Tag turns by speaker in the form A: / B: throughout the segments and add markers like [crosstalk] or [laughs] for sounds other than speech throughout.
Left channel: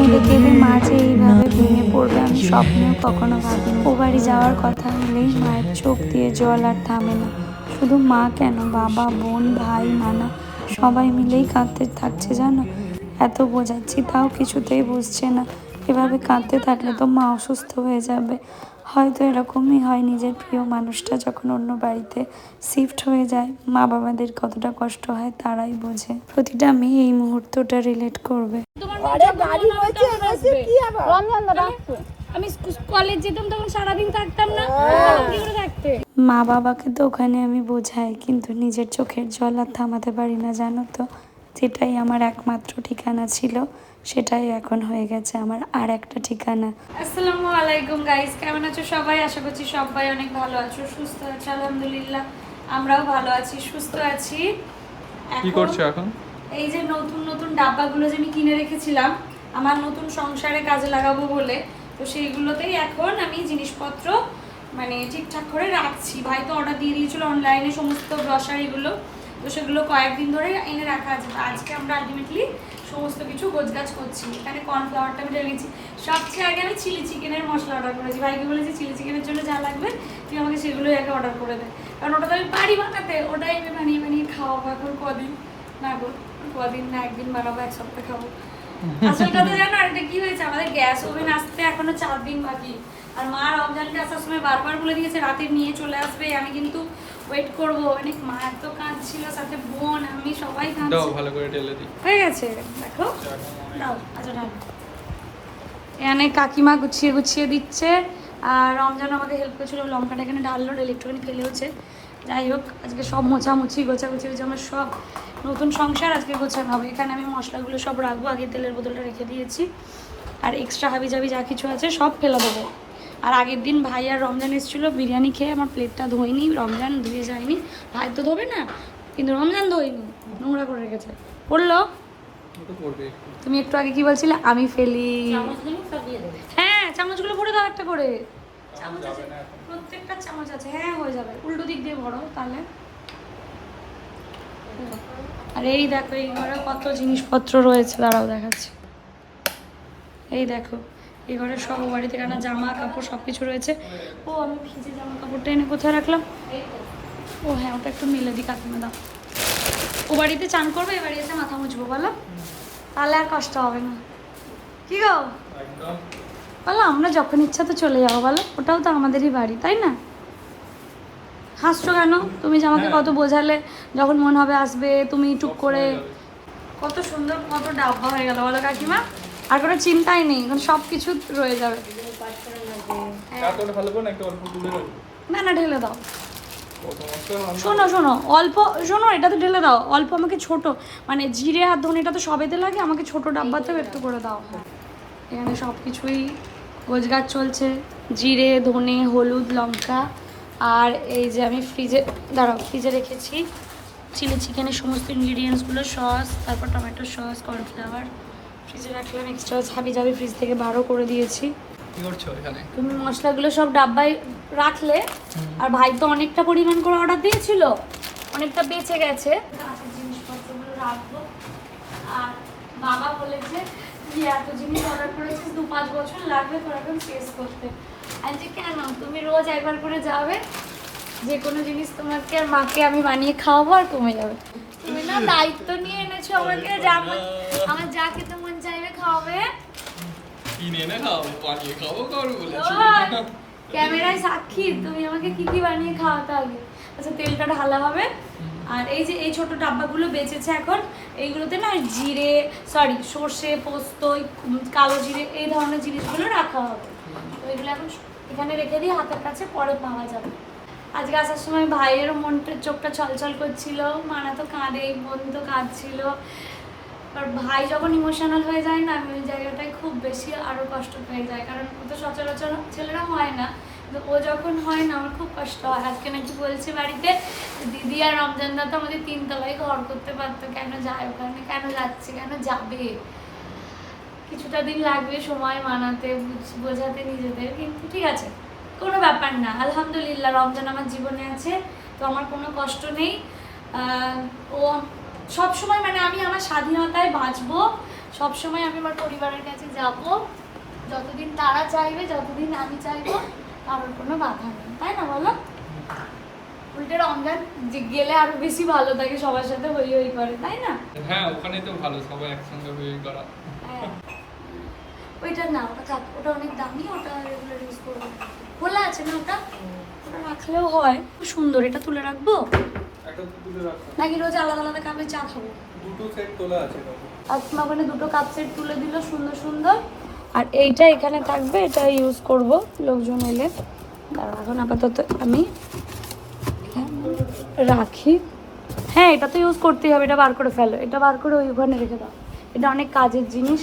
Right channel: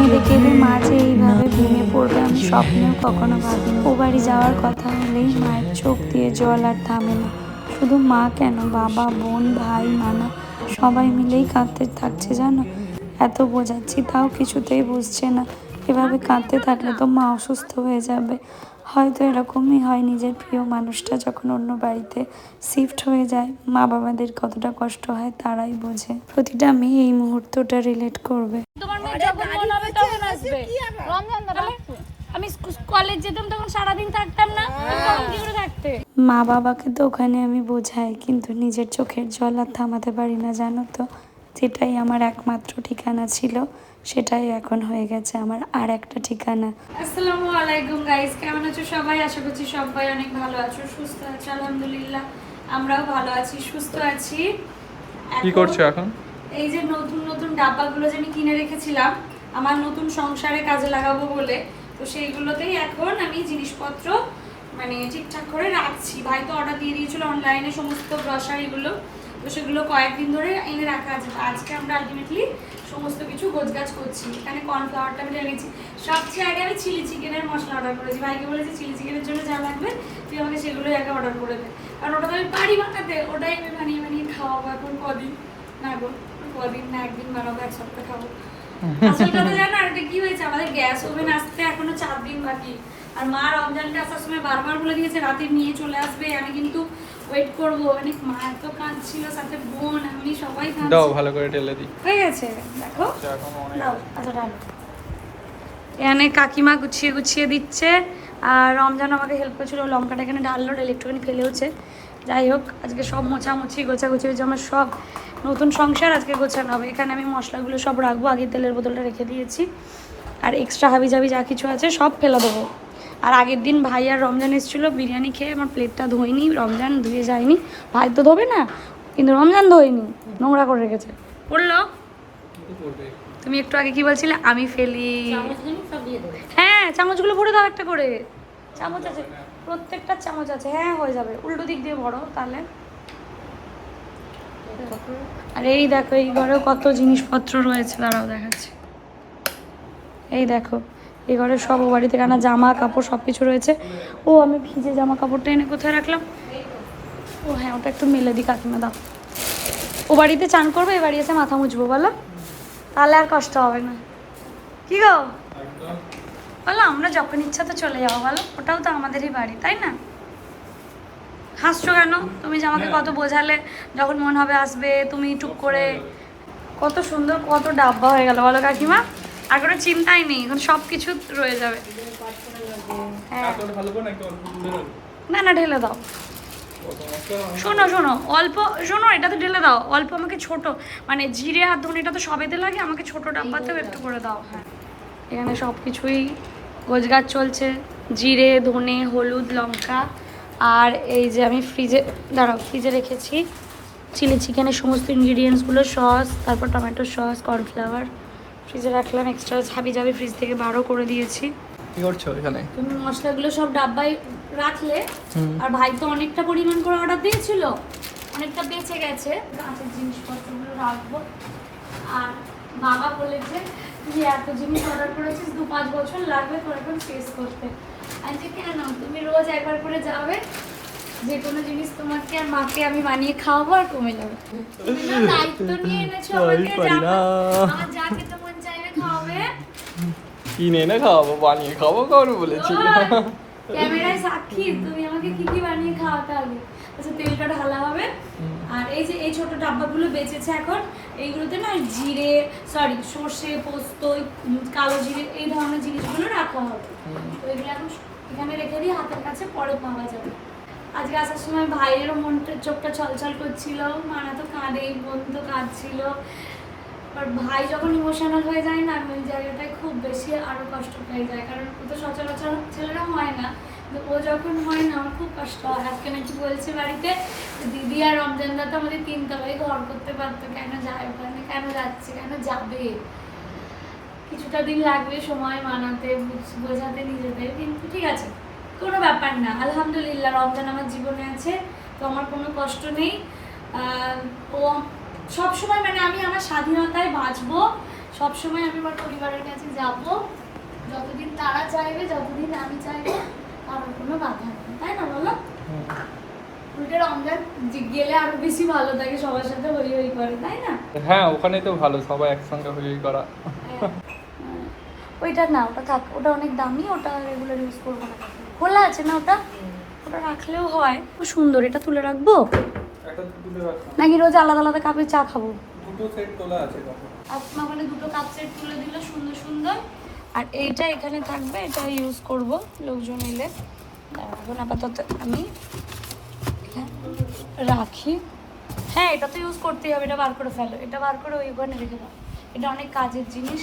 A: কেঁদে মাঝে এইভাবে ভেঙে পড়বে আমি স্বপ্নেও কখনো ভাবিনি। ও বাড়ি যাওয়ার কথা হলেই মায়ের চোখ দিয়ে জল আর থামে না। শুধু মা কেন? বাবা বোন ভাই নানা সবাই মিলেই কাঁদতে থাকছে জানো? এত বোঝাচ্ছি তাও কিছুতেই বুঝছে না। এভাবে কাঁদতে থাকলে তো মা অসুস্থ হয়ে যাবে। হয়তো এরকমই হয় নিজের প্রিয় মানুষটা যখন অন্য বাড়িতে শিফট হয়ে যায় মা বাবাদের কতটা কষ্ট হয় তারাই বোঝে। প্রতিটা মেয়ে এই মুহূর্তটা রিলেট করবে।
B: আরে গাড়ি রয়েছে রয়েছে কি আবার?
C: আমি কলেজ যেতাম তখন সারাদিন থাকতাম না থাকতে?
A: মা বাবাকে তো ওখানে আমি বোঝাই কিন্তু নিজের চোখের জল আর থামাতে পারি না জানো তো? যেটাই আমার একমাত্র ঠিকানা ছিল। সেটাই এখন হয়ে গেছে আমার আর একটা ঠিকানা।
C: আসসালামু আলাইকুম গাইস কেমন আছো সবাই? আশা করছি সবাই অনেক ভালো আছো সুস্থ আছো আলহামদুলিল্লাহ। আমরাও ভালো আছি সুস্থ আছি।
D: কি করছ এখন?
C: এই যে নতুন নতুন ডাব্বাগুলো যে আমি কিনে রেখেছিলাম আমার নতুন সংসারে কাজে লাগাবো বলে তো সেইগুলোতেই এখন আমি জিনিসপত্র মানে ঠিকঠাক করে রাখছি। ভাই তো অর্ডার দিয়ে দিয়েছিল অনলাইনে সমস্ত গ্রসারিগুলো তো সেগুলো কয়েকদিন ধরে এনে রাখা আছে। আজকে আমরা আলটিমেটলি সমস্ত কিছু গোছগাছ করছি। এখানে কর্নফ্লাওয়ারটা আমি ঢেলেছি সবচেয়ে আগে আমি চিলি চিকেনের মশলা অর্ডার করেছি। ভাইকে বলেছি চিলি চিকেনের জন্য যা লাগবে তুই আমাকে সেগুলোই আগে অর্ডার করে দে। কারণ ওটা তো আমি পারি বানাতে। ওটাই আমি বানিয়ে বানিয়ে খাওয়াবো এখন কদিন? না গো কদিন না একদিন বানাবো এক সপ্তাহ খাব। [laughs] আসল কথা জানো আরেকটা কি হয়েছে? আমাদের গ্যাস ওভেন আসতে এখনও চার দিন বাকি। আর মা রমজানটা আসার সময় বারবার বলে দিয়েছে রাতে নিয়ে চলে আসবে। আমি কিন্তু ওয়েট করব। অনেক মা এত কাঁদছিল সাথে বোন আমি সবাই
D: দাও
C: কাঁদছি
D: ভালো করে ঢেলে দিই।
C: হয়ে গেছে দেখো। দাও আচ্ছা দাও। এখানে কাকিমা গুছিয়ে গুছিয়ে দিচ্ছে আর রমজান আমাকে হেল্প করছিল লঙ্কাটা এখানে ডাললো ডাল একটুখানি ফেলেওছে। যাই হোক আজকে সব মোছামুছি গোছাগুছি হয়েছে আমার সব নতুন সংসার আজকে গোছানো হবে। এখানে আমি মশলাগুলো সব রাখব আগে তেলের বোতলটা রেখে দিয়েছি। আর এক্সট্রা হাবি জাবি যা কিছু আছে সব ফেলে দেবো। আর আগের দিন ভাই আর রমজান এসেছিল, বিরিয়ানি খেয়ে আমার প্লেটটা ধোয়নি রমজান ধুয়ে যায়নি। ভাই তো ধোবে না, কিন্তু রমজান ধোয়নি, নোংরা করে রেখেছে। বলল, তুমি একটু আগে কি বলছিলে? আমি ফেলি। হ্যাঁ চামচগুলো ভরে দাও একটা করে। চামচ আছে, প্রত্যেকটা চামচ আছে। হ্যাঁ হয়ে যাবে। উল্টো দিক দিয়ে ভরো তাহলে। আর এই দেখো, এই ঘরে কত জিনিসপত্র রয়েছে, দাঁড়াও দেখাচ্ছি। এই দেখো এই ঘরে সব ও বাড়ি থেকে আনা জামা কাপড় সব কিছু রয়েছে। ও আমি ভিজে জামা কাপড়টা এনে কোথায় রাখলাম? ও হ্যাঁ ওটা একটু মেলে দিই কাকিমা দাও। ও বাড়িতে চান করবে? এ বাড়ি এসে মাথা মুছবো বলো। তাহলে আর কষ্ট হবে না। কি গো? বলো আমরা যখন ইচ্ছা তো চলে যাব বলো। ওটাও তো আমাদেরই বাড়ি তাই না? হাসছো কেন? তুমি যে আমাকে কত বোঝালে যখন মনে হবে আসবে তুমি টুক করে কত সুন্দর কত ডাব্বা হয়ে গেল বলো কাকিমা। আর কোনো চিন্তাই নেই, এখন সব কিছু রয়ে যাবে। হ্যাঁ। না না, ঢেলে দাও। শোনো শোনো, অল্প, শোনো, এটা তো ঢেলে দাও। অল্প আমাকে ছোট মানে জিরে আর ধনে এটা তো সবেতে লাগে, আমাকে ছোট ডাব্বাতেও একটু করে দাও। হ্যাঁ। এখানে সব কিছুই গোছগাছ চলছে, জিরে, ধনে, হলুদ, লঙ্কা, আর এই যে আমি ফ্রিজে, দাঁড়াও, ফ্রিজে রেখেছি। চিলি চিকেনের সমস্ত ইনগ্রিডিয়েন্টসগুলো সস, তারপর টমেটো সস কর্নফ্লাওয়ার ফ্রিজে রাখলাম এক্সট্রা হাবি জাবি ফ্রিজ থেকে বারো করে দিয়েছি।
D: কি করছ এখানে?
C: তুমি মশলাগুলো সব ডাব্বায় রাখলে আর ভাই তো অনেকটা পরিমাণ করে অর্ডার দিয়েছিল অনেকটা বেঁচে গেছে। কাঁচের জিনিসপত্রগুলো রাখব। আর বাবা বলেছে তুই এত জিনিস অর্ডার করেছিস দু পাঁচ বছর লাগবে তোর এখন শেষ করতে। আর যে কেন? তুমি রোজ একবার করে যাবে যে কোনো জিনিস তোমাকে আর মাকে আমি বানিয়ে খাওয়াবো আর কমে যাবে। তুমি না দায়িত্ব নিয়ে এনেছো আমাকে যা আমার যা খেতে মন চাইবে খাওয়াবে।
D: কিনে এনে খাওয়াবো বানিয়ে খাব কারও বলেছি।
C: ক্যামেরায় সাক্ষী তুমি আমাকে কি কি বানিয়ে খাওয়াতে আগে? আচ্ছা তেলটা ঢালা হবে। আর এই যে এই ছোট ডাব্বাগুলো বেঁচেছে এখন এইগুলোতে না জিরে সরি সর্ষে পোস্ত কালো জিরে এই ধরনের জিনিসগুলো রাখা হবে। তো এগুলো এখন এখানে রেখে দিয়ে হাতের কাছে পরে পাওয়া যাবে। আজকে আসার সময় ভাইয়েরও মনটা, চোখটা ছলছল করছিল। মানা তো কাঁদে বোন তো কাঁদছিল। আর ভাই যখন ইমোশনাল হয়ে যায় না, আমি ওই জায়গাটায় খুব বেশি আরও কষ্ট পেয়ে যায় কারণ ও তো সচরাচর ছেলেরা হয় না। ও যখন হয় না, আমার খুব কষ্ট হয়। আজকে নাকি বলছে বাড়িতে দিদি আর রমজানদা তো আমাদের তিনতলায় ঘর করতে পারতো। কেন যায় ওখানে? কেন যাচ্ছে? কেন যাবে? কিছুটা দিন লাগবে সময় মানাতে, বুঝ- বোঝাতে নিজেদের। কিন্তু ঠিক আছে। কোনো ব্যাপার না। আলহামদুলিল্লাহ রমজান আমার জীবনে আছে তো আমার কোনো কষ্ট নেই। ও সব সময় মানে আমি আমার স্বাধীনতায় বাঁচবো সবসময় আমি আমার পরিবারের কাছে যাব। যতদিন তারা চাইবে যতদিন আমি চাইব আমার কোনো বাধা নেই। তাই না বলো? উল্টে রমজান গেলে আরও বেশি ভালো থাকে সবার সাথে হই হই করে তাই না?
D: হ্যাঁ ওখানেই তো ভালো সবাই একসঙ্গে করা।
C: হ্যাঁ। ওইটা না ওটা থাক ওটা অনেক দামি ওটা রেগুলার ইউজ করব না। খোলা আছে না ওটা? ওটা রাখলেও হয়। খুব সুন্দর। এটা তুলে রাখব? নাকি রোজ আলাদা আলাদা কাপে চা খাব?
D: দুটো সেট তোলা আছে
C: তোমার ওখানে দুটো কাপ সেট তুলে দিল সুন্দর সুন্দর। আর এইটা এখানে থাকবে এটা ইউজ করব লোকজন এলে। এখন আপাতত আমি রাখি। হ্যাঁ এটা তো ইউজ করতেই হবে এটা বার করে ফেলো। এটা বার করে ওই ওখানে রেখে দাও। এটা অনেক কাজের জিনিস।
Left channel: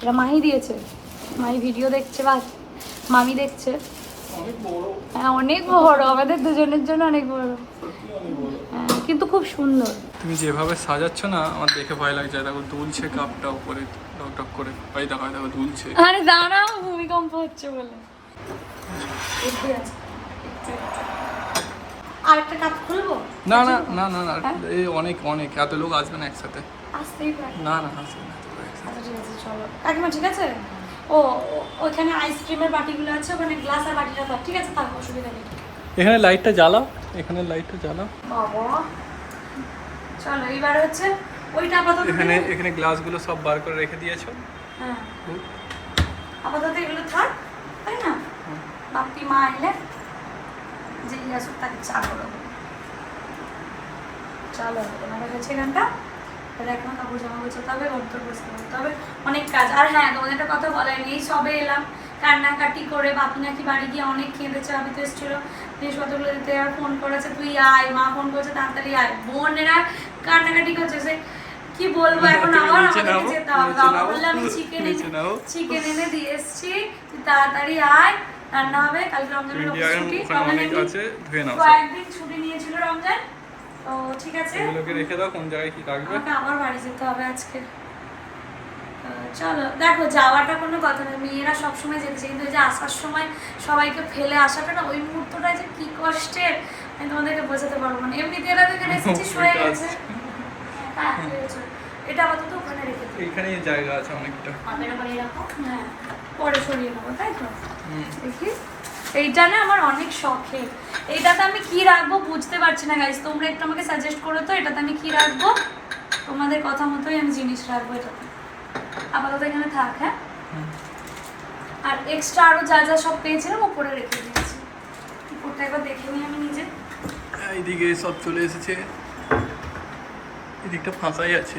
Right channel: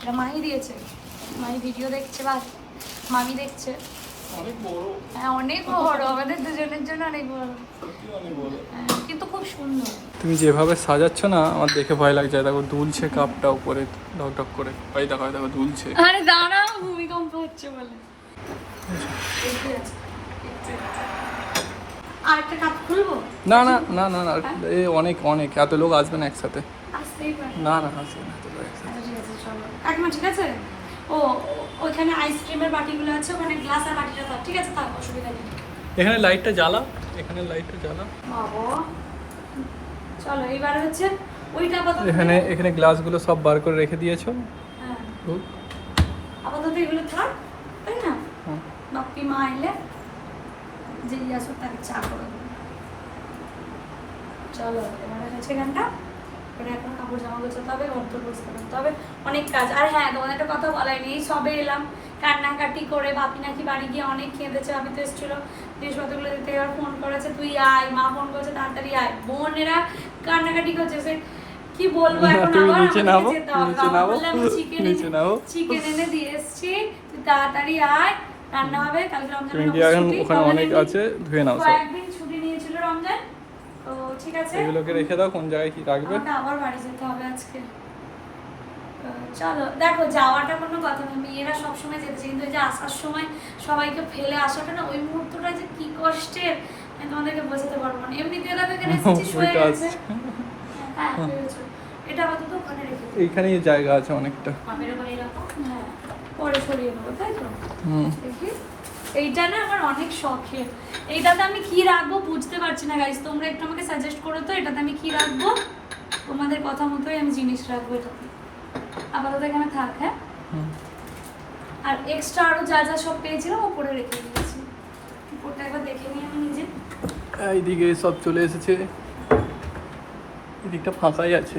C: এটা মাহি দিয়েছে। মাহি ভিডিও দেখছে বা মামি দেখছে। হ্যাঁ অনেক বড়। আমাদের দুজনের জন্য অনেক বড়। হ্যাঁ, কিন্তু খুব সুন্দর।
D: তুমি যেভাবে সাজাচ্ছ না আমার দেখে ভয় লাগছে। দেখো দুলছে কাপটা উপরে ঢক ঢক করে। ওই দেখো দেখো দুলছে।
C: আরে দাঁড়াও ভূমিকম্প হচ্ছে বলে। আরেকটা কাপ খুলবো?
D: না না না না না এই অনেক অনেক। এত লোক আসবে না একসাথে। না না আসবে না।
C: আচ্ছা, ঠিক আছে? ও ওইখানে আইসক্রিমের বাটিগুলো আছে ওখানে গ্লাস আর বাটিটা দাও ঠিক আছে? তার অসুবিধা নেই।
D: এখানে লাইটটা জ্বালা এখানে লাইটটা জ্বালা
C: বাবা। চলো এবার হচ্ছে ওইটা আপাতত
D: এখানে এখানে গ্লাসগুলো সব বার করে রেখে দিয়েছ?
C: হ্যাঁ। আপাতত এগুলো থাক তাই না?
D: হুম।
C: বাপি মা এলে যে আসুক তাকে চা করে দেবো। চলো এবার হচ্ছে গানটা। এবার এখন কাপড় জামা গোছাতে হবে অন্তর বসতে করতে হবে। অনেক কাজ। আর হ্যাঁ তোমাদের একটা কথা বলাইনি এই সবে এলাম। কান্নাকাটি করে বাপি নাকি বাড়ি গিয়ে অনেক কেঁদেছে আমি তো এসেছিল। জিনিসপত্রগুলো দিতে এবার ফোন করেছে তুই আয় মা ফোন করেছে তাড়াতাড়ি আয়। বোনেরা কান্নাকাটি করছে সে কি বলব এখন আবার যেতে হবে। বাবা
D: নামো,
C: চিকেন এনে দিয়ে এসছি তাড়াতাড়ি আয় রান্না হবে কালকে
D: তুমি
C: রমজানের ছুটি
D: অনেক আছে ধুয়ে নাও
C: কয়েকদিন ছুটি নিয়েছিল রমজান তো ঠিক আছে।
D: এগুলোকে রেখে দাও কোন জায়গায় কি রাখবে।
C: আমাকে আবার বাড়ি যেতে হবে আজকে। চলো দেখো যাওয়াটা কোনো কথা মেয়েরা সবসময় যেতে কিন্তু যে আসার সময় সবাইকে ফেলে আসাটা না ওই মুহূর্তটা যে কি কষ্টের আমি তোমাদেরকে বোঝাতে পারব না। এমনিতে এরা এখানে [laughs] এসেছিস হয়ে গেছে। হ্যাঁ, এটা আপাতত ওখানে রেখে
D: এইখানেই জায়গা আছে অনেকটা।
C: হ্যাঁ পরে সরিয়ে নেব তাই তো? দেখি। এইটা না আমার অনেক শখের। এইটাতে আমি কি রাখব বুঝতে পারছি না গাইস তোমরা একটু আমাকে সাজেস্ট করো তো এটাতে আমি কি রাখব? তোমাদের কথা মতোই আমি জিনিস রাখব এটাতে। আপাতত এখানে থাক হ্যাঁ। আর এক্সট্রা আরও যা যা সব পেয়েছিলাম ওপরে রেখে দিয়েছি। ওটা একবার দেখে নিই আমি নিজে।
D: এইদিকে সব চলে এসেছে। এদিকটা ফাঁকাই আছে।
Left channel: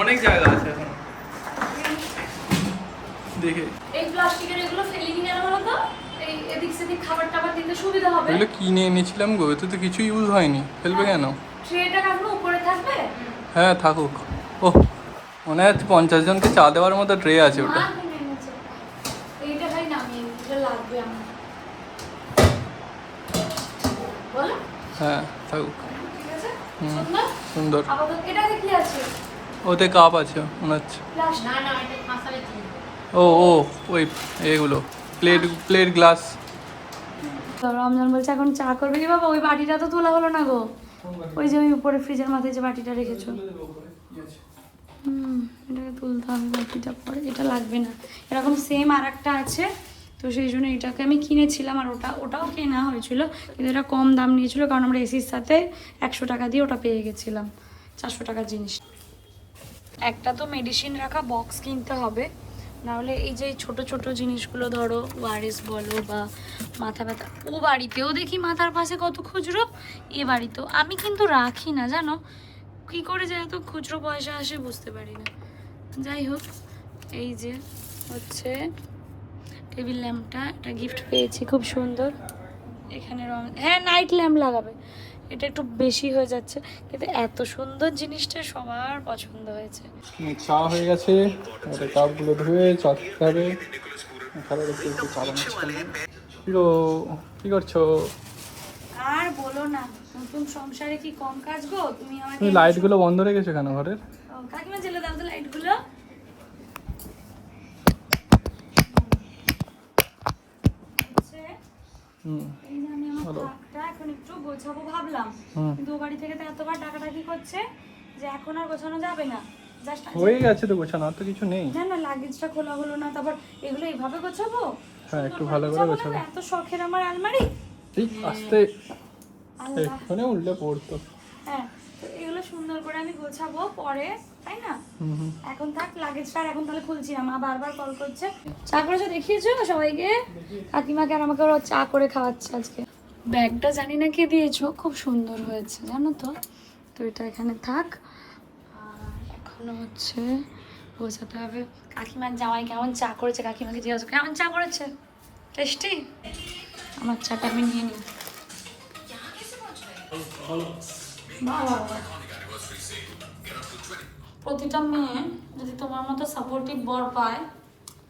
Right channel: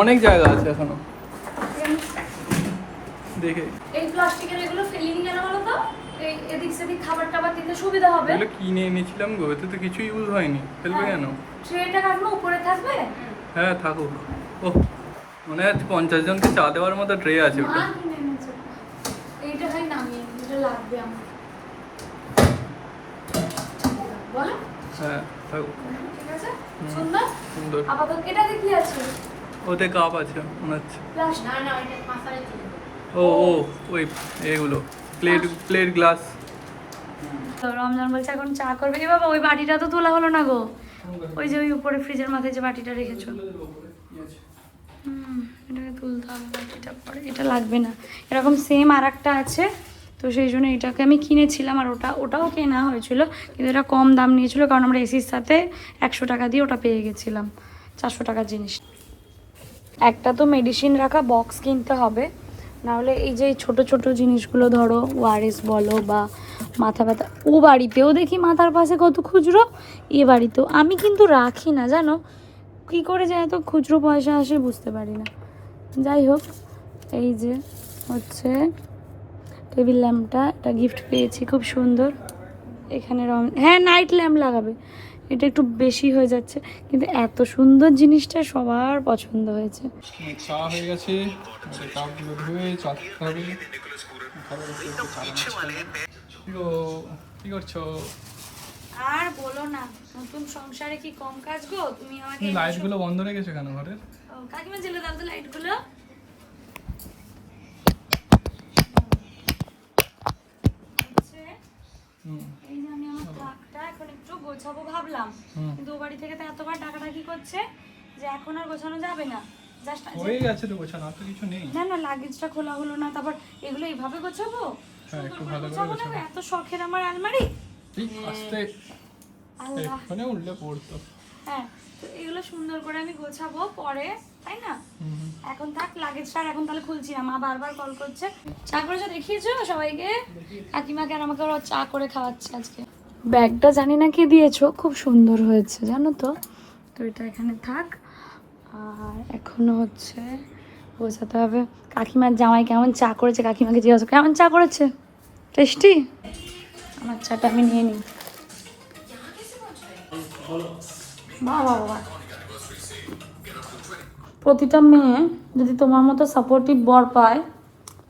D: অনেক জায়গা আছে এখনও। দেখে।
C: প্লাস্টিকের এগুলো ফেলিনি কেন বলো তো? এই এদিক সেদিক খাবার টাবার দিতে সুবিধা হবে।
D: এগুলো কিনে এনেছিলাম গো? এতে তো কিছু ইউজ হয়নি। ফেলবে কেন?
C: ট্রেটা রাখব উপরে থাকবে?
D: হ্যাঁ থাকুক। ও মনে হচ্ছে পঞ্চাশ জনকে চা দেওয়ার মতো ট্রে আছে ওটা।
C: মা কিনে এনেছে। এইটা ভাই নামিয়ে এটা লাগবে আমার। বলো।
D: হ্যাঁ থাকুক।
C: সুন্দর?
D: সুন্দর।
C: আপাতত এটাতে কি আছে।
D: ওতে কাপ আছে মনে হচ্ছে। ও ও, ওই এগুলো প্লেট প্লেট গ্লাস
C: রমজান বলছে, এখন চা করবে কি বাবা? ওই বাটিটা তো তোলা হলো না গো। ওই যে ওই উপরে ফ্রিজের মাথায় যে বাটিটা রেখেছো। হুম, এটাকে তুলতে হবে বাটিটা পরে এটা লাগবে না। এরকম সেম আর একটা আছে। তো সেই জন্য এটাকে আমি কিনেছিলাম আর ওটা, ওটাও কেনা হয়েছিল। কিন্তু এটা কম দাম নিয়েছিল কারণ আমরা এসির সাথে একশো টাকা দিয়ে ওটা পেয়ে গেছিলাম। চারশো টাকার জিনিস। একটা তো মেডিসিন রাখা বক্স কিনতে হবে। নাহলে এই যে ছোট ছোট জিনিসগুলো ধরো, ওয়ারেস বলো বা মাথা ব্যথা, ও বাড়িতেও দেখি মাথার পাশে কত খুচরো, এ বাড়িতেও। আমি কিন্তু রাখি না, জানো? কী করে যে এত খুচরো পয়সা আসে বুঝতে পারি না। যাই হোক, এই যে হচ্ছে টেবিল ল্যাম্পটা, এটা গিফট পেয়েছি, খুব সুন্দর। এখানে রং হ্যাঁ নাইট ল্যাম্প লাগাবে। এটা একটু বেশি হয়ে যাচ্ছে। কিন্তু এত সুন্দর জিনিসটা সবার পছন্দ হয়েছে।
D: চা হয়ে গেছে। কাপগুলো ধুয়ে চা খেতে হবে কি করছ?
C: আর বলো না নতুন সংসারে কি কম কাজ গো? তুমি আমাকে
D: লাইটগুলো বন্ধ রেখেছো কেন ঘরের?
C: কাকিমা জেলে দাও তো লাইটগুলো
D: হুম।
C: এখন একটু গোছাবো ভাবলাম।
D: হুম
C: কিন্তু ও বাড়ি থেকে তো এতবার ডাকাডাকি করছে যে এখন আর গোছানো যাবে না।
D: হয়ে গেছে তো গোছানো তো কিছু নেই।
C: না না লাগেজটা খোলা হলো না তারপর এগুলো এইভাবে গোছাবো?
D: হ্যাঁ একটু ভালো করে
C: গোছাবো এত শখের আমার আলমারি?
D: এই আস্তে এখানে উঠলে পড়তো।
C: হ্যাঁ এগুলো সুন্দর করে আমি গোছাবো পরে তাই না? এখন থাক লাগেজটা আর এখন তাহলে খুলছি না মা বারবার কল করছে। চা করেছ দেখিয়েছো সবাইকে? কাকিমাকে আর আমাকে ওরা চা করে খাওয়াচ্ছে আজকে। ব্যাগটা জানি না কে দিয়েছ, খুব সুন্দর হয়েছে, জানো তো? তো এটা এখানে থাক। আর এখনও হচ্ছে, বোঝাতে হবে। কাকিমার জামাই কেমন চা করেছে, কাকিমাকে জিজ্ঞাসা কেমন চা করেছে? টেস্টি? আমার চাটা আমি নিয়ে নিই। বাহ প্রতিটা মেয়ে যদি তোমার মতো সাপোর্টিভ বর পায়,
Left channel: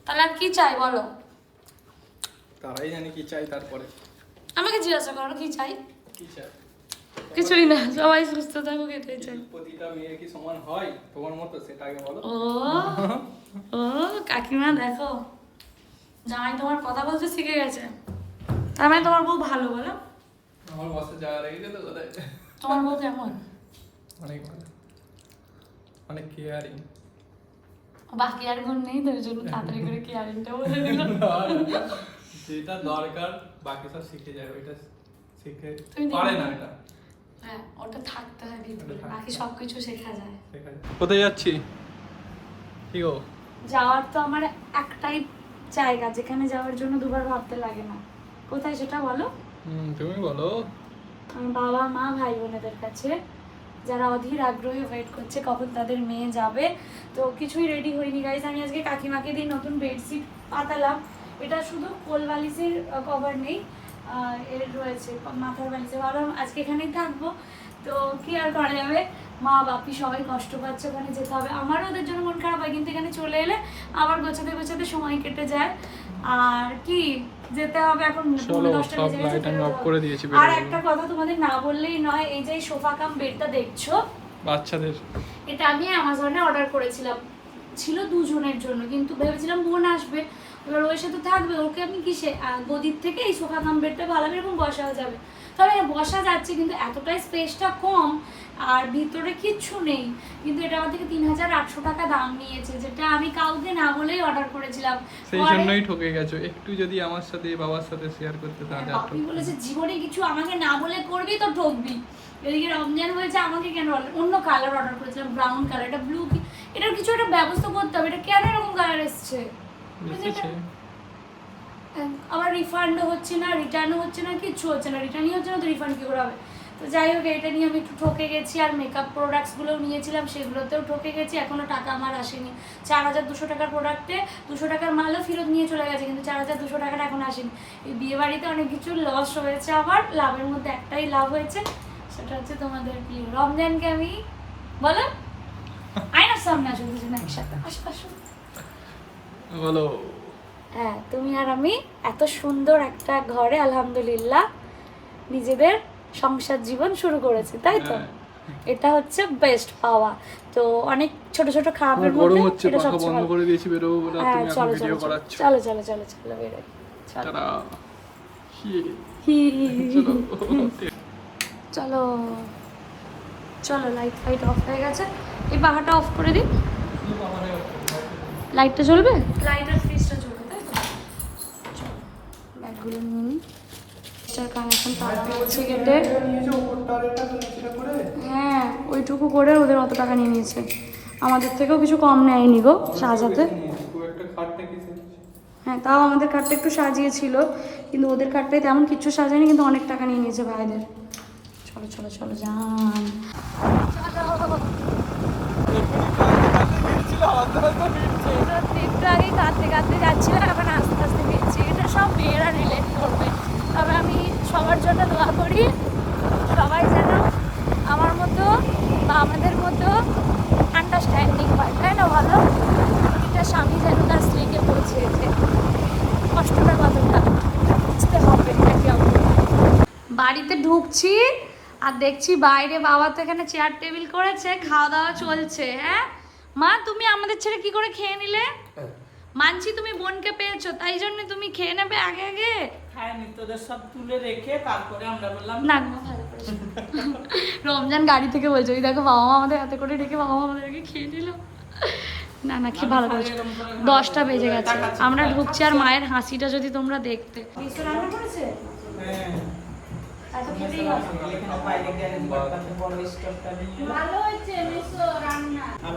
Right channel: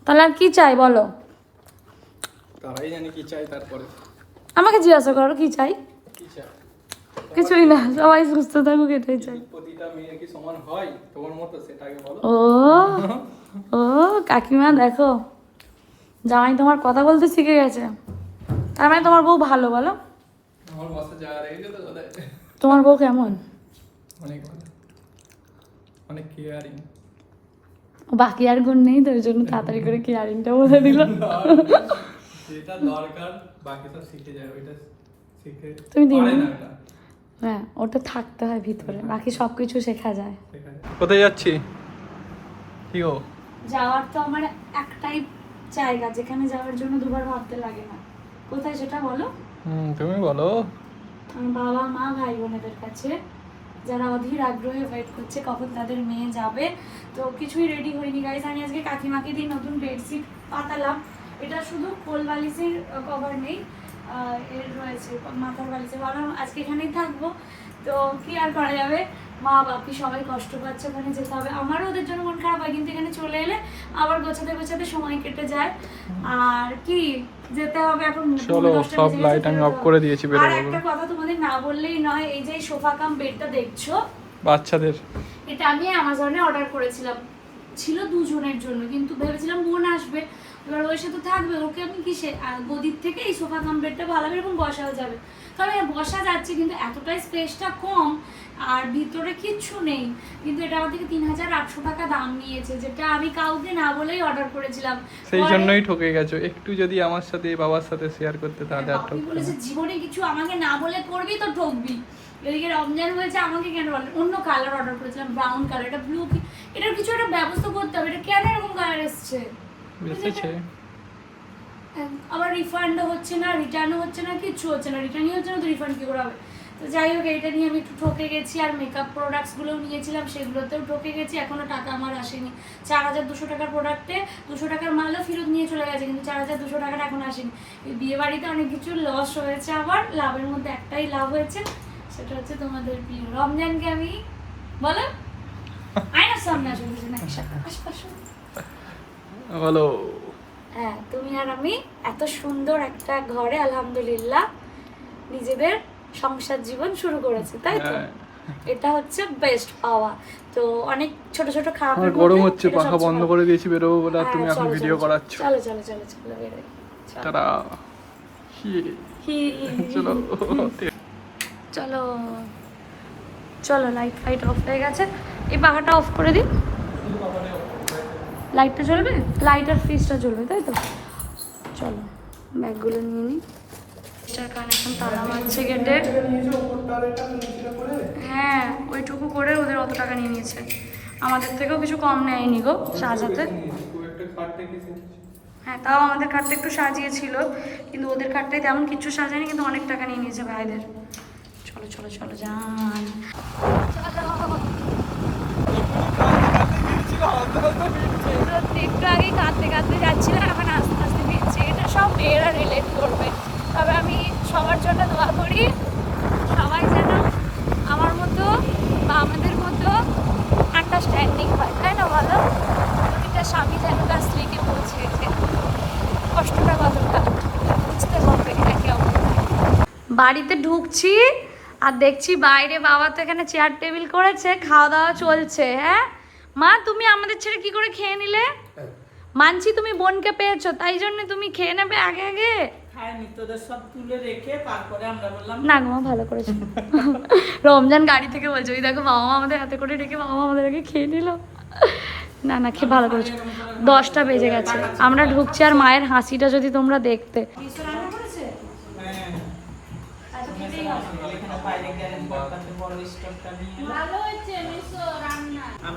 C: তাহলে আর কি চাই বলো?
D: তারাই জানি কি চাই তারপরে।
C: আমাকে জিজ্ঞাসা করো কি চাই? কিছুই না সবাই সুস্থ থাকুক এটাই চাই।
D: প্রতিটা মেয়ে কি সমান হয় তোমার মতো? সেটা আগে বলো।
C: ও ও কাকিমা দেখো জামাই তোমার কথা বলতে শিখে গেছে। তার মানে তোমার বউ ভালো বলো।
D: আমার বসে যাওয়া রেখেছে তো কোথায়?
C: তোমার বউ কেমন?
D: অনেক ভালো। অনেক কেয়ারিং
C: বাকি আর গুণ নেই তো ওই জন্য তাড়াতাড়ি করে কেয়ারিংটা বলে দিল।
D: যেটা দরকার বাকি সব শিখে যায় ওইটা শিখে
C: তুমি
D: পারে
C: না?
D: এটা
C: হ্যাঁ ওটা থাকতে হয় ভিতরে বাকি সব কিছু শেখা যায়।
D: কোথায় যাচ্ছি? কি গো?
C: যাওয়ার তো আমার একটাই জায়গা যেখানে যাওয়ার জন্য দুবার ভাবতে লাগে না। কোথায় সেটা বলো?
D: হুম তুমি বলো।
C: বাবা মা ভাই বোনেদের কাছে। যারা অধীর আগ্রহে ওয়েট করছে কখন তাদের মেয়ে যাবে। তো কিছুই রেডি হয়নি গাইজ আমি আজকে কাকিমাকে দিয়ে নতুন বেডশিট পাতালাম। এটা শুধু কোল বালিশের কভার নেই এর রয়েছে মাথার বালিশে ভাবলাম আজকে এখানেই থাকব। তো কি আর করা যাবে? মা বাপি সবাই কষ্ট পাচ্ছে ওখানে যেতে হবে। আমারও ওদের জন্য মন খারাপ হয় কিন্তু এখানে চলে এলে আবার গোছাতে গোছাতে সময় কেটে যায়। আর কি যেতে হবে এখন
D: চলো, সব light আমি
C: হবে।
D: করে দিয়েছি,
C: আর একটা কথা তোমাদের না বললেই নয় এই যে সোফা কাম বেডটা দেখছ?
D: বাচ্চাদের।
C: এটা আমি অ্যামাজনে অর্ডার করেছিলাম। ছিল দুজনের জন্য কিন্তু ভেবেছিলাম বোন আসবে। এবার ওর সাথে থাকবে ওকে আমি কিসে? গদির থেকে এই সোফা কাম বেডটা ভালো এরকম বসা যাবে। তবে হ্যাঁ, বসা যাচ্ছে কিন্তু এতটাই স্পেসটা কম আর ভিতরে কিচ্ছু নেই। কিন্তু এটা আমার থেকে তিন হাজার আটশো টাকা দাম নিয়েছে যেটা আমি কাউকে না বলেই অর্ডার করেছিলাম।
D: সেই জন্যই ঠকে গেছো। একটু যদি আমার সাথে বাবার সাথে শেয়ার করতে তাহলে আপনি
C: বলেছে জীবনে কিছু আমাকে না বলে করবি তো ঠকবি। এদিকে রমজান হয়েছে আমাকে কেন অন্য কালার অর্ডার করেছিলাম ব্রাউন কালার এটা ব্লু এটার কিছু একটা ব্যবস্থা করতে হবে এটা কেন এরকম কালার এসছে?
D: বেঁচেছে
C: আবার রিফান্ডও হচ্ছে না রিটার্নও হচ্ছে না কিচ্ছু হচ্ছে না রিটার্নই হচ্ছে না তো রিফান্ড কী করে হবে? তো যাই হোক এটা নিয়ে আমি একটু ঠকে গেছি আর মেকআপ প্রোডাক্টসগুলোও নিয়েছিলাম সেগুলোতেও ঠকে গেছি এখনও টাকা আমার আসেনি। চার হাজার দুশো টাকার প্রোডাক্টে দুশো টাকার মালও ফেরত নিয়ে চলে গেছে কিন্তু চার হাজার দুশো টাকাটা এখন আসেনি। এই বিয়ে বাড়িতে অনেক কিছু লস হয়েছে আবার লাভের মধ্যে একটাই লাভ হয়েছে সেটা হচ্ছে তোমাদের বিয়ে। রমজানকে আমি বলো? আয়নার [laughs]
D: বলো।
C: হ্যাঁ তুমি আর আমি এত সুন্দর একটা ঘরে আলহামদুলিল্লাহ নিজেদের সংসার জীবন শুরু করেছি তাই তো?
D: হ্যাঁ।
C: এটা হচ্ছে বেস্ট পাওয়া। তো অনেক ছোট ছোট
D: আমার গরম হচ্ছে পাখা বন্ধ করে দিয়েছি বেরোবো বলে
C: হ্যাঁ,
D: তুমি এখন ভিডিও করাচ্ছ।
C: চলো চলো চলো চলো বেরোই।
D: তারা। চলো।
C: চলো চলো লাইট ফাইট অফ হয়ে গেছে। এই পাখাটা অফ করে দিই লাইটটা জ্বলবে লাইট আর ফ্রিজটা জ্বলবে তাই তো চলো ব্যাগগুলো নিয়ে নিই এটার কানেকশন তালা মারছে গেটে হ্যাঁ ওইটুকু করে ওদের অত টাকা নিয়ে নিয়েছে আমাদের থেকেও কিছু কম নেয়নি গো সাজাতে হ্যাঁ তাও আমাদের কার্ডটা একটু সাজিয়েছিল কিন্তু ওদের কার্ডটাই তেমন কিছু সাজায়নি কিন্তু অনেক টাকা নিয়ে নিয়েছে ভাইদের চলো চলো চলো যান একটু আগে কাঁদতে কাঁদতে যাচ্ছিলাম, এখন আস্তে আস্তে ফিরছি। এটা সব মেয়েরা রিলেট করবে। তবে আমি সবার জন্য দোয়া করি, সবাই যেন আমার মতো বা আমাদের মতো আন্ডারস্ট্যান্ডিং হয়। তাই না ভালো প্রতিটা স্বামী যেন তার স্ত্রীকে বলছে যে, কষ্টটা কতটা, বুঝতে হবে একে অপরকে। বাড়িতে ঢুকছি আর দেখছি বাইরে বাবা তো এখানে চেয়ার টেবিল করেছে, খাওয়া দাওয়া চলছে হ্যাঁ? মা তুমি আমাদের ছেড়ে কি করে খেয়ে নিলে? মানছি তুমি বোনকে পেয়েছ তাই জন্য তুমি খেয়ে নেবে আগে আগে?
B: খায়নি তোদের সব তুলে রেখে তারপরে আমরা
C: না গো ভালো করেছ। রমজান গাড়ি থেকে বলছো ওই দেখো বাবা মা আমাদের হাতে করে রেখে বাবা মা আমাদের আগে খেয়ে নিল। না না কি ভালো করেছ। দশটা বেজে গেছে। আমরা ঢুকছি আর মায়ের হাসিটা যদি তোমরা দেখতে।
B: হ্যাঁ। এখানে আমি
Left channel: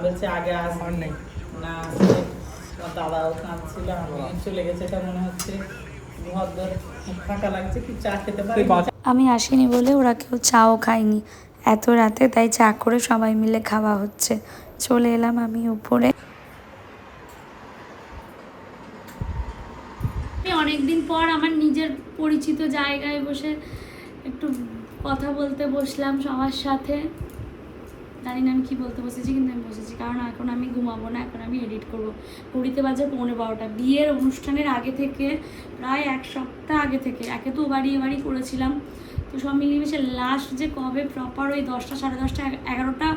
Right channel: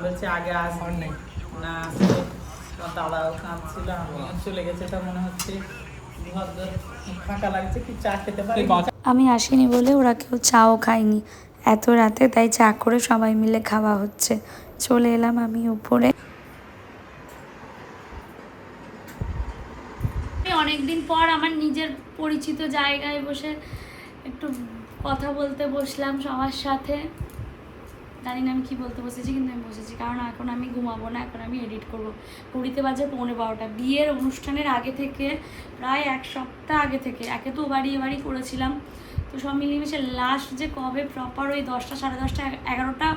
B: বলছি আগে আসবে না দাদাও কাঁদছিল আমিও চলে গেছে এটা মনে হচ্ছে। ফাঁকা লাগছে কি চা খেতে পারি?
A: আমি আসিনি বলে ওরা কেউ চাও খায়নি। এত রাতে তাই চা করে সবাই মিলে খাওয়া হচ্ছে। চলে এলাম আমি উপরে।
C: অনেকদিন পর আমার নিজের পরিচিত জায়গায় বসে একটু কথা বলতে বসলাম সবার সাথে। জানি না আমি কী বলতে বসেছি, কিন্তু আমি বসেছি। কারণ এখন আমি ঘুমাবো না, এখন আমি এডিট করব। কুড়িতে বাজে পৌনে বারোটা। বিয়ের অনুষ্ঠানের আগে থেকে, প্রায় এক সপ্তাহ আগে থেকে, একে তো বাড়ি এবারই করেছিলাম। তো সব মিলিয়ে লাস্ট যে কবে প্রপার ওই দশটা, সাড়ে দশটা, এগারোটা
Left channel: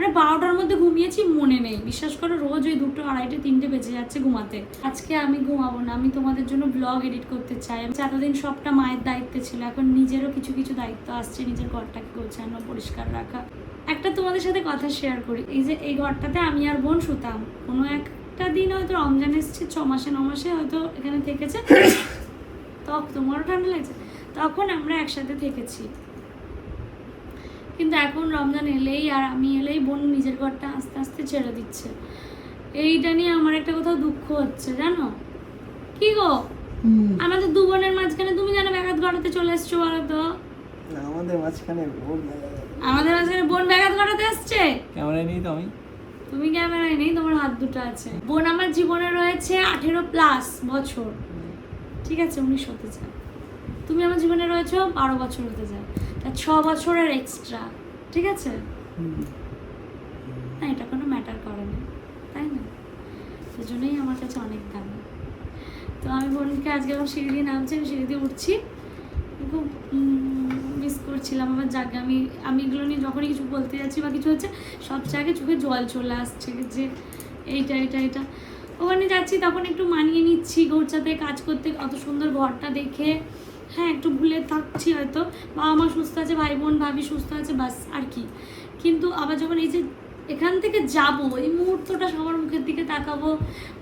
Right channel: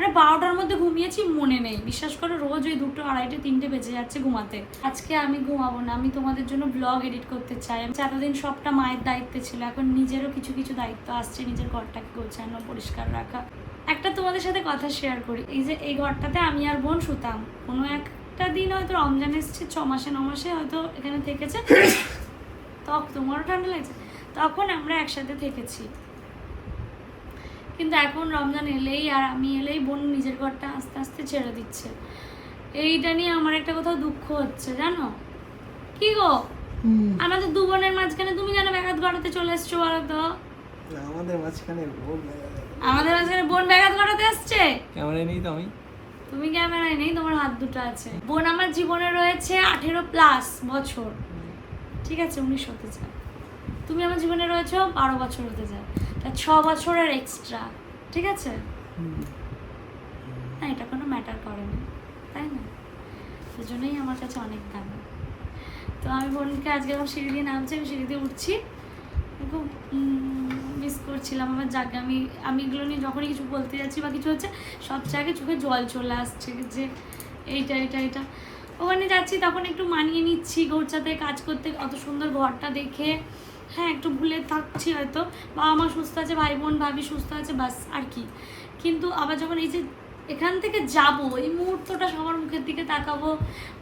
C: মানে বারোটার মধ্যে ঘুমিয়েছি, মনে নেই। বিশ্বাস করো, রোজ ওই দুটো আড়াইটে, তিনটে বেজে যাচ্ছে ঘুমাতে। আজকে আমি ঘুমাবো না, আমি তোমাদের জন্য ব্লগ এডিট করতে চাই। আমি এতদিন সবটা মায়ের দায়িত্বে ছিল, এখন নিজেরও কিছু কিছু দায়িত্ব আসছে নিজের ঘরটাকে গোছানো, পরিষ্কার রাখা। একটা তোমাদের সাথে কথা শেয়ার করি। এই যে, এই ঘরটাতে আমি আর বোন শুতাম। কোনো একটা দিন হয়তো রমজান এসছে, ছ মাসে, ন মাসে হয়তো এখানে থেকেছে। [coughs] তখন তোমারও ঠান্ডা লাগছে। তখন আমরা একসাথে থেকেছি। কিন্তু এখন রমজান এলেই আর আমি এলেই বোন নিজের ঘরটা আস্তে আস্তে ছেড়ে দিচ্ছে। এইটা নিয়ে আমার একটা কোথাও দুঃখ হচ্ছে জানো? কি গো? আমাদের দু বোনের মাঝখানে তুমি কেন ব্যাঘাত ঘটাতে চলে এসছো বলো তো?
E: আমাদের মাঝখানে ভুল
C: আমাদের মাঝখানে বোন ব্যাঘাত ঘটাতে আসছে?
E: ক্যামেরায় নেই তো আমি?
C: তুমি ক্যামেরায় নেই তোমার হাত দুটো আছে। বোন আমার জীবনে রয়েছে আঠেরো প্লাস বছর। ঠিক আছে উনিশ হতে চায়। তুমি আমার জীবনে রয়েছে বারো বছর হতে চায়। ছ বছরের এক্সট্রা ঠিক আছে? না এটা কোনো ম্যাটার করে না তাই না? সেজন্যই আমার কাছে অনেক দামি। তো আমি বোনকে আজকে আমার সিঁড়ি দিয়ে নামছি আমি সিঁড়ি দিয়ে উঠছি। খুব মিস করছিলাম আমার জায়গা আমি আমি এগুলো নিয়ে যখনই কিছু বলতে যাচ্ছি বা কিছু হচ্ছে সব জায়গায় চোখে জল চলে আসছে যে এইটা এটা এটা ওখানে যাচ্ছি তখন একটু মানিয়ে নিচ্ছি ঘরটাতে কাজ করতে অত সুন্দর ঘরটা দেখে। হ্যাঁ একটু ভুলে থাকছি হয়তো। বাবা মা সুস্থ আছে, ভাই বোন, ভাবি সুস্থ আছে, বাস, আর কি। কিন্তু আবার যখন এই যে এখান থেকে যাব, এই মুহূর্তটা সবার মুখের দিকে তাকাবো,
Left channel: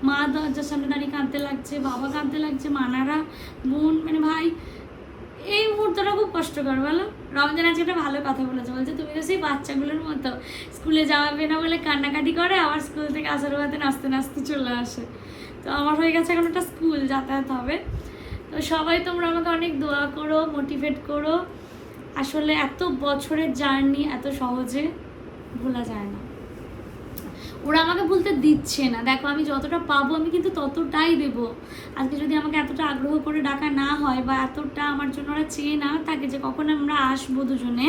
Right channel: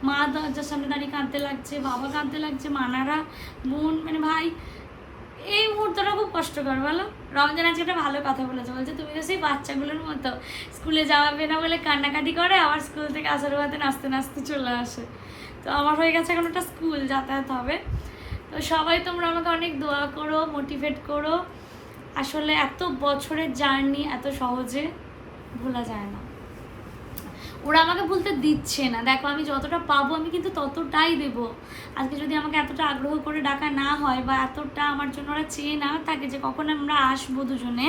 C: মা দরজার সামনে দাঁড়িয়ে কাঁদতে লাগছে, বাবা কাঁদতে লাগছে, মানারা, বোন মানে ভাই, এই মুহূর্তটা খুব কষ্টকর, বলো? রমজান আজকে একটা ভালো কথা বলেছে। বলছে, তুমি তো সেই বাচ্চাগুলোর মতো স্কুলে যাওয়াবে না বলে কান্নাকাটি করে, আবার স্কুল থেকে আসার বাদে নাচতে নাচতে চলে আসে। তো আমার হয়ে গেছে এখন একটা স্কুল, যাতায়াত হবে। তো সবাই তোমরা আমাকে অনেক দোয়া করো মোটিভেট করো। আসলে এত বছরের জার্নি এত সহজে ভোলা যায় না। ওরা আমাকে ভুলতে দিচ্ছে না। দেখো, আমি যতটা পাবো আমি কিন্তু ততটাই দেব। আজকে যদি আমাকে এতটা আগ্রহ করে ডাকা না হয় বা এতটা আমার জন্য ওরা চেয়ে না থাকে যে কখন আমরা আসব দুজনে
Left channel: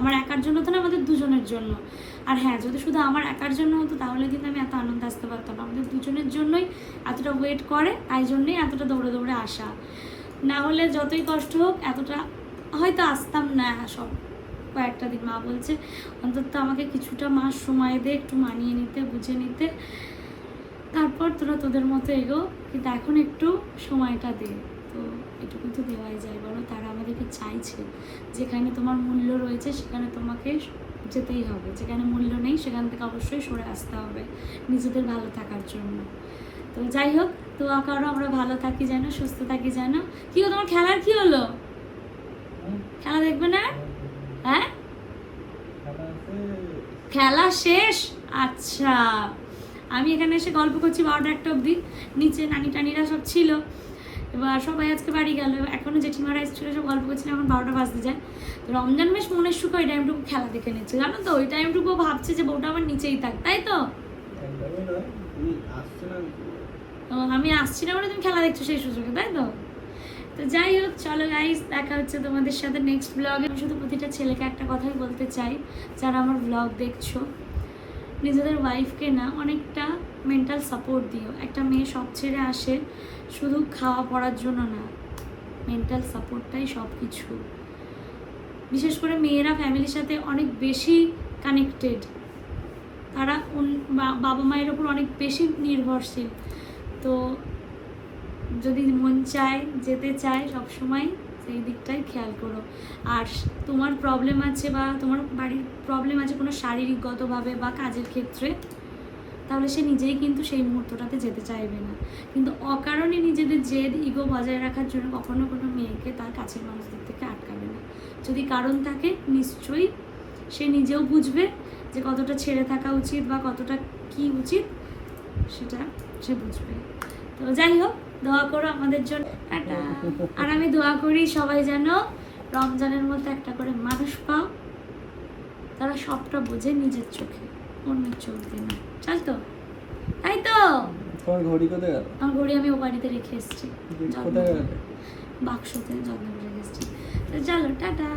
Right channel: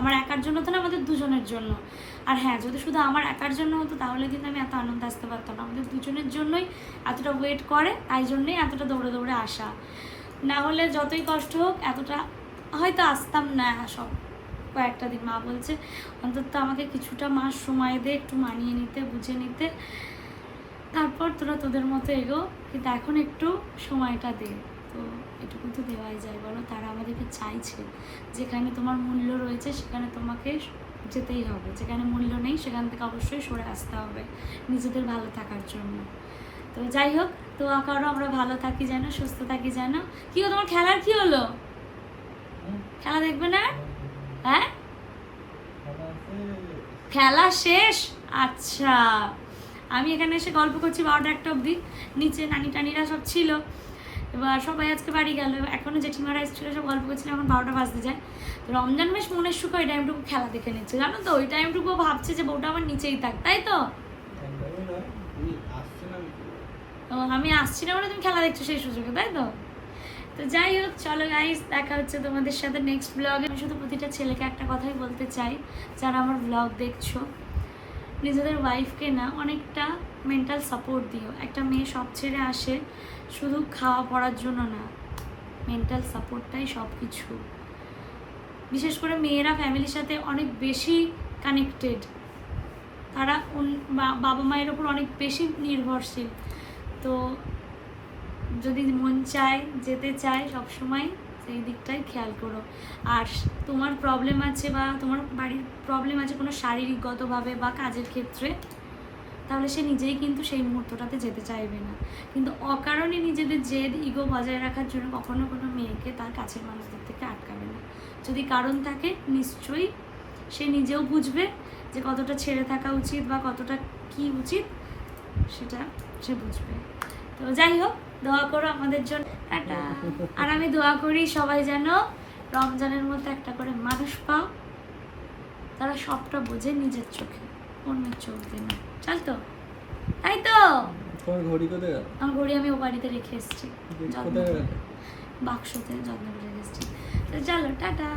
C: আমার একার জন্য তো না, আমাদের দুজনের জন্য। আর হ্যাঁ যদি শুধু আমার একার জন্য হতো, তাহলে কিন্তু আমি এত আনন্দ আসতে পারতাম না। আমাদের দুজনের জন্যই এতটা ওয়েট করে, তাই জন্যই এতটা দৌড়ে দৌড়ে আসা। না হলে যতই কষ্ট হোক, এতটা হয়তো আসতাম না, সব কয়েকটা দিন। মা বলছে, অন্তত আমাকে কিছুটা মাস সময় দে, একটু মানিয়ে নিতে, বুঝে নিতে। তারপর তোরা তোদের মতো এগো, কিন্তু এখন একটু সময়টা দে। তো এটুকু তো দেওয়াই যায়। বলো তারা আমাদেরকে চাইছে। যেখানে তোমার মূল্য রয়েছে সেখানে তোমাকে যেতেই হবে। যেখানে মূল্য নেই সেখান থেকে অবশ্যই সরে আসতে হবে নিজেদের ভালো থাকার জন্য। তো যাই হোক তো কারও আমরা ভালো থাকি যেন সুস্থ থাকি যেন। কি হলো তোমার খেলার কি হলো? খেলা দেখবে না? হ্যাঁ? খেলা শেষ? আচ্ছা। আমি এখানে এসে গল্প করছি বারোটা একটা অবধি। নিচে নানি টানিরা সব ছিল। এবার সবাই আজকে বাড়ি গেল এখনও জেঠিমারা এসেছিল, সব গল্প করছিল, এখন বারোটা বাজতে যায়। তো রমজান বেশ মনের সুখ ওই টাইমটুকু খেলা দেখে নিচ্ছে। জানো তো, ওই টাইমটুকু ভাবছে যে বউটা আমার নিচেই থাক, তাই তো? আমি আসছি না বলে তুমি খেলা দেখছ সেই সুযোগে, তাই তো? তো যাই হোক, চলো গাইস দেখা হচ্ছে তোমাদের সাথে নেক্সট ব্লগে আমি শুধু প্রতিটা ছেলেকে একটা কথাই বলতে চাই, যারা আমার ব্লগ দেখছ। নিজেদের ওয়াইফকে না অনেকটা মেন্টাল সাপোর্ট দিও। একটা মেয়ে সব ছেড়ে আসে শুধু খাওয়া পড়ার জন্য না মেন্টাল সাপোর্টটাই সব কিছু বিশেষ করে মেয়েরা ফ্যামিলির সাথে অনেক বেশি কানেক্টেড তারা বাবা মায়ের ওপর অনেক বেশি নির্ভরশীল। তো যদি মন চায়, যেতে চায় সবসময় সেই দিকটাই খেয়াল করো। আর তোমার প্রবলেম আছে বা তোমার বাড়ির প্রবলেম আছে কোনো শারীরিকগতভাবে বা কাজের ক্ষেত্রে, তাহলে সে নিজেই কিন্তু সেই মুহূর্তটাতে যেতে চাইবে না। কিন্তু অকারণে নিজেদের জেদ ইগো বজায় রাখার জন্য কখনো কোনো মেয়েকে তার কাছের মানুষদের থেকে আটকাবে না। যদি কারণ থাকে, নিশ্চয়ই সে নিজেও বুঝবে যে কতটা ছেড়ে থাকা উচিত বা কতটা কি উচিত, সেটা সে বুঝবে। তো যাই হোক দোয়া করো আমাদের জন্য। টাটা আর আমি দোয়া করি সবাই যেন রমজানের মধ্যে একটা করে মানুষ পাও। তারা সবটা বোঝে নিজের চোখে অন্যের চোখ দিয়ে না। চল তো। তাই তো।
E: তোমার ঘড়ি কোথায় গেল?
C: আমার ঘড়ি আমি ও বাড়িতে রেখে এসেছি। বাক্সতে যত্ন করে রেখে এসেছি। চলো টাটা।